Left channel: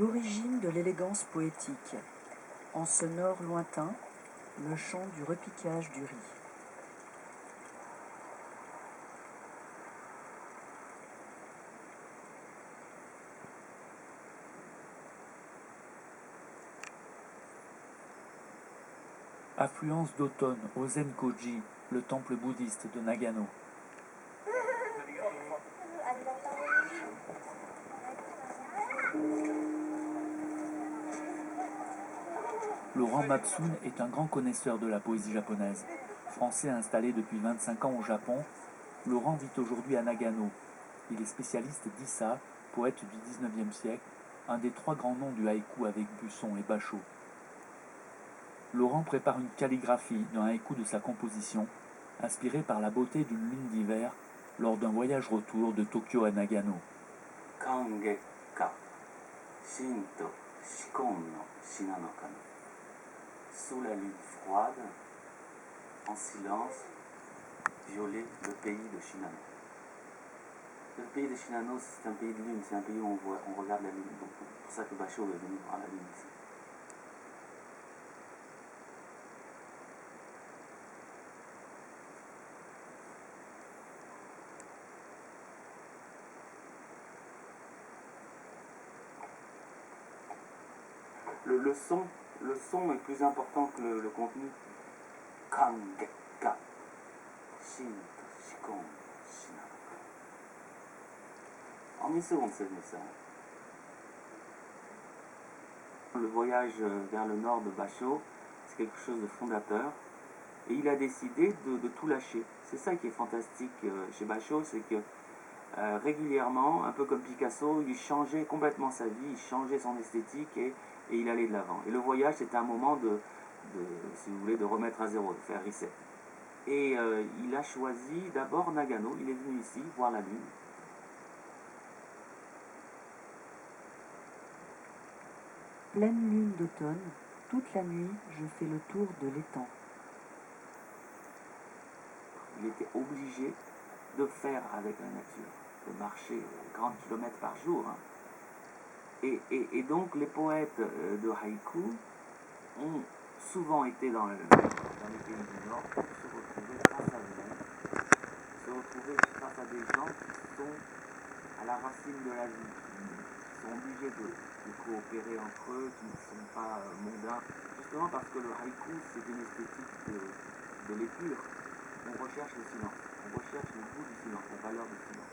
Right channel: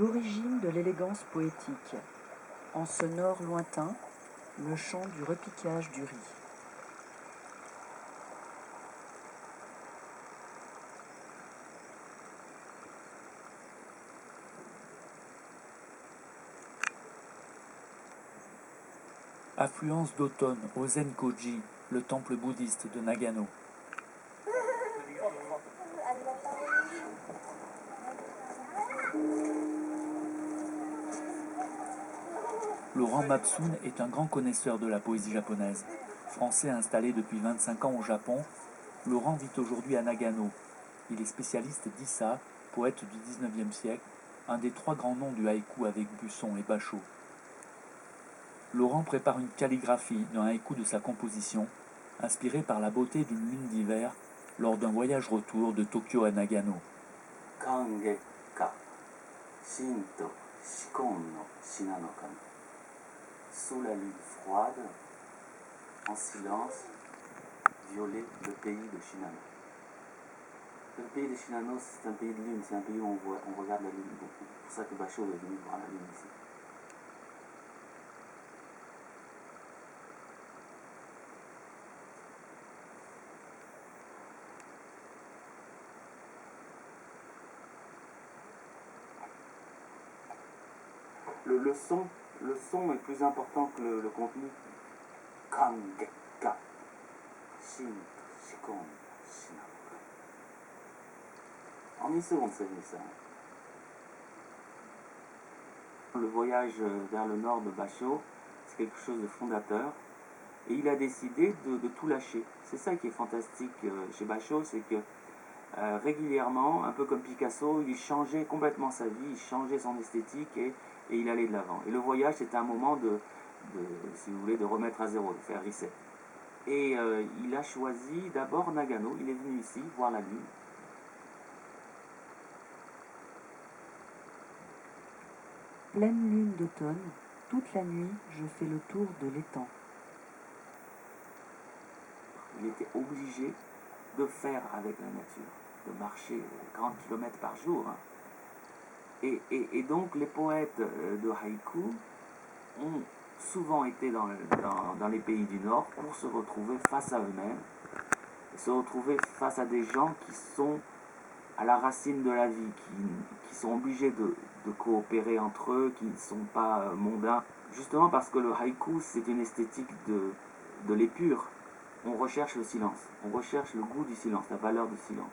L'origine de l'élégance poétique. En ce nord lointain, le chant du repiquage du riz. Affluence d'automne au Zenkoji, le temple bouddhiste de Nagano. Laurent Mabsoun est un grand connaisseur de la poésie japonaise. Français installé depuis 25 ans au Japon, Laurent vit aujourd'hui à Nagano. Il est spécialiste d'Issa, poète du XIXe siècle, un des trois grands noms du haïku avec Buisson et Bachot. Laurent prépare une calligraphie d'un haïku de sa composition, inspiré par la beauté d'une lune d'hiver lors d'un voyage retour de Tokyo à Nagano. Kangekka, Shinto, Shikon no Shinano-kan. Sous la lune froide, en silence, violer le pays de Shinano. Le pays de Shinano, c'est un pays de lune, c'est un pays où on regarde la lune beaucoup. C'est pour ça que Bachot est venu voir la lune ici. Le son est plus important que le contenu. Kangekka, Shinto, Shikon, Shinano-kan. En une seconde, c'est venu ça. Le voyage vers le nord de Bachot, c'est quelque chose de fondateur. Et il a décidé de tout lâcher. C'est ça qui est fantastique chez Bachot, c'est que régulièrement, un peu comme Picasso, il changeait complètement sa vie, il changeait son esthétique et il allait de l'avant. Et le voyage, c'était un moment si vous voulez, de remettre à zéro, de faire reset. Et il a choisi d'abord Nagano, il est venu ici voir la lune. Pleine lune d'automne, toute la nuit, je fais le tour de l'étang. Il était obligé de faire avec la nature, de marcher 40 km par jour. Hein. Et donc les poètes de haïku ont souvent été dans les pays du Nord pour se retrouver face à eux-mêmes, se retrouver face à des gens qui sont à la racine de la vie, qui sont obligés de coopérer entre eux, qui ne sont pas mondains. Justement parce que le haïku, c'est une esthétique de l'épure. On recherche le silence, on recherche le goût du silence, la valeur du silence,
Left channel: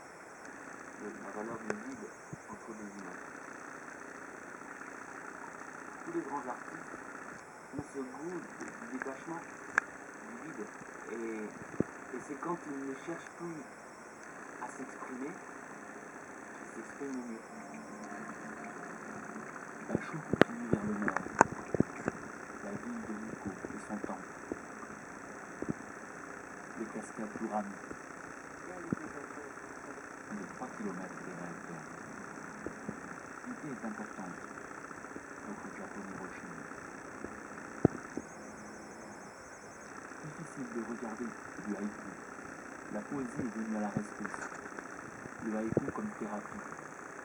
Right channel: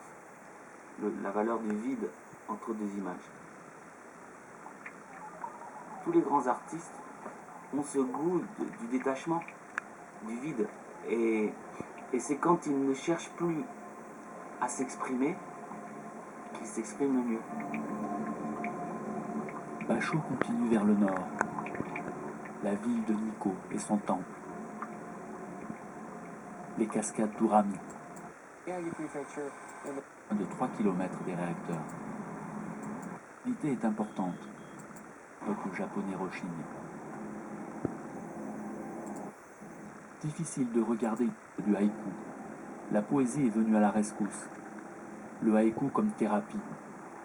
la valeur du vide entre deux images. Tous les grands artistes ont ce goût du détachement, du vide. Et c'est quand ils ne cherchent plus à s'exprimer qu'ils s'expriment le mieux. Bachot continue vers le nord. La ville de Nikko et son temple. Les cascades d'Urami. De 3 km des réacteurs. L'unité est importante. Peuple japonais Roshin. Difficile de regarder du haïku. La poésie est venue à la rescousse. Le haïku comme thérapie.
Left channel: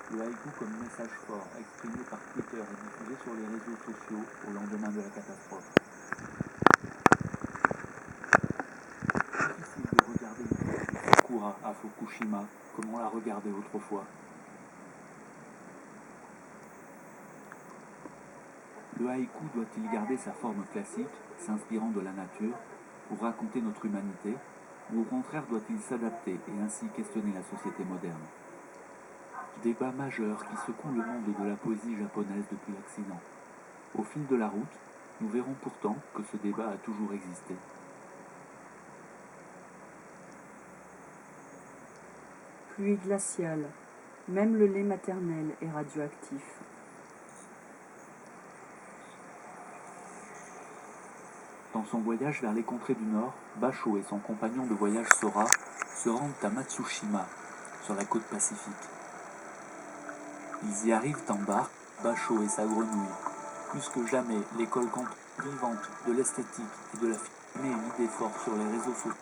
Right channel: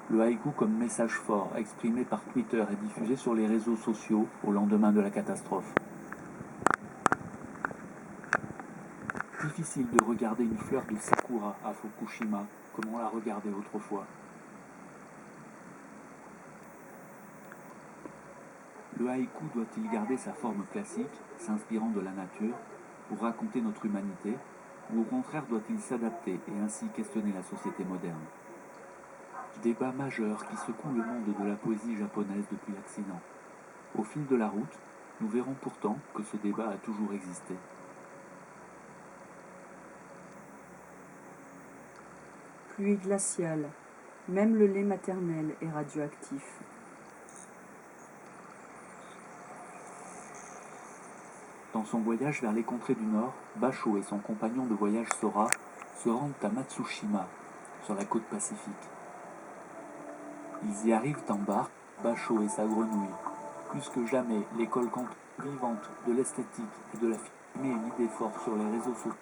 Le haïku comme message fort exprimé par Twitter et diffusé sur les réseaux sociaux au lendemain de la catastrophe. Difficile de regarder une fleur de sakura à Fukushima comme on la regardait autrefois. Le haïku doit-il garder sa forme classique, s'inspirant de la nature, pour raconter notre humanité, ou au contraire doit-il s'adapter et ainsi questionner la société moderne? Débat majeur qui secoue le monde de la poésie japonaise depuis l'accident. Au fil de la route, nous verrons pourtant que ce débat a toujours existé. Pluie glaciale, même le lait maternel est radioactif. Dans son voyage vers les contrées du Nord, Bachot et son compagnon de voyage Sora se rendent à Matsushima, sur la côte pacifique. Ils y arrivent en barque, Bachot et sa grenouille. Plus que jamais, l'école vivante de l'esthétique et de la met une idée forte sur les réseaux sociaux.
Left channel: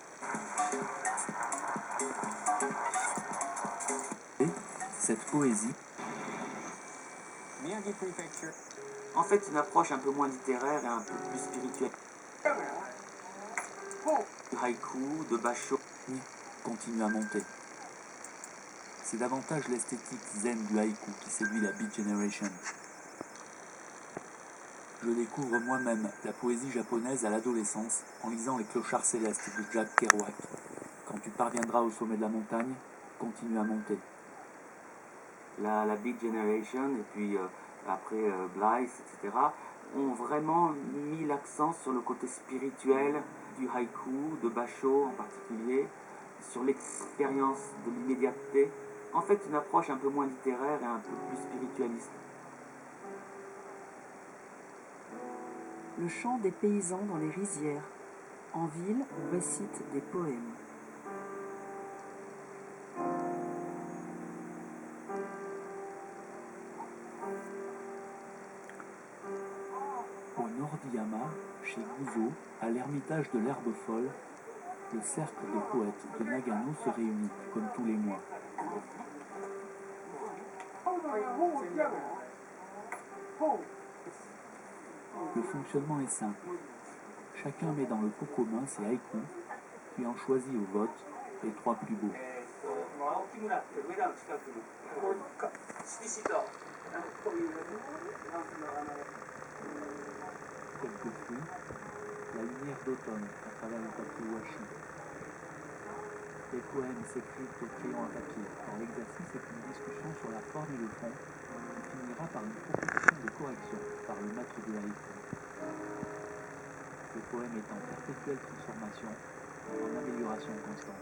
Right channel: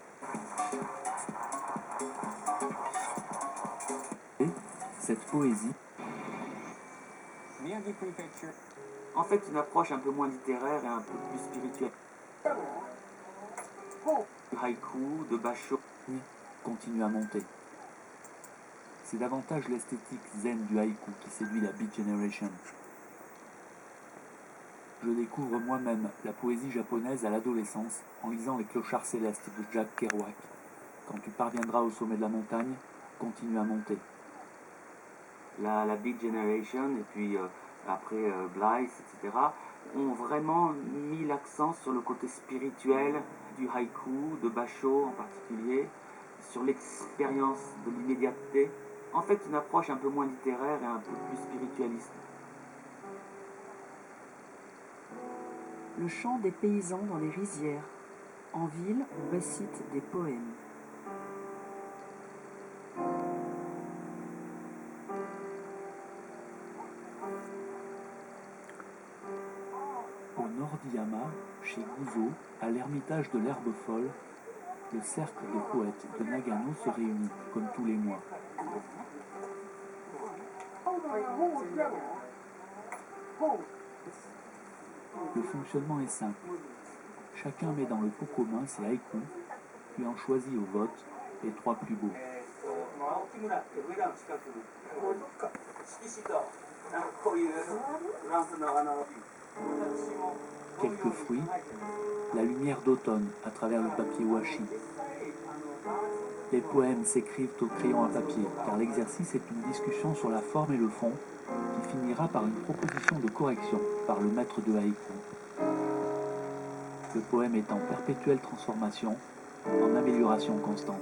Et cette poésie Miyagi Prefecture. En fait, une approche un peu moins littéraire et un peu plus spirituelle. De haïku, de basho. Continue à monter. C'est davantage l'esthétique zen du haïku qui séduit la Beat Generation. Je découvre moi-même la poésie japonaise à l'adolescence en lisant Les Clochards Célestes de Jack Kerouac. Quand tu parviendras au sommet de la montagne, continue à monter. La Beat Generation et puis après Blythe, etc., ont vraiment mis l'accent sur le côté spirituel du haïku, de basho en particulier, sur l'expérience de l'immédiateté. En fait, une approche un peu moins littéraire et un peu plus spiritualiste. Le chant des paysans dans les rizières. En ville, on récite des poèmes. Au nord d'Iyama, chez Guzo, à l'ermitage de l'Herbe Folle, le cercle de poètes de Nagano se réunit, comme tous les mois. Le fonctionnement est simple. Chacun met dans le pot commun ses haïkus, puis en choisit au vote les 3 plus beaux. Quelques fruits, la lumière d'automne à travers le papier washi. Les poèmes s'écrivent au crayon à papier, car l'exercice est une discussion sur la forme et le fond, qui finira par une proposition de correction par le maître de haïku. Le poème est en perpétuelle transformation, en amélioration constante.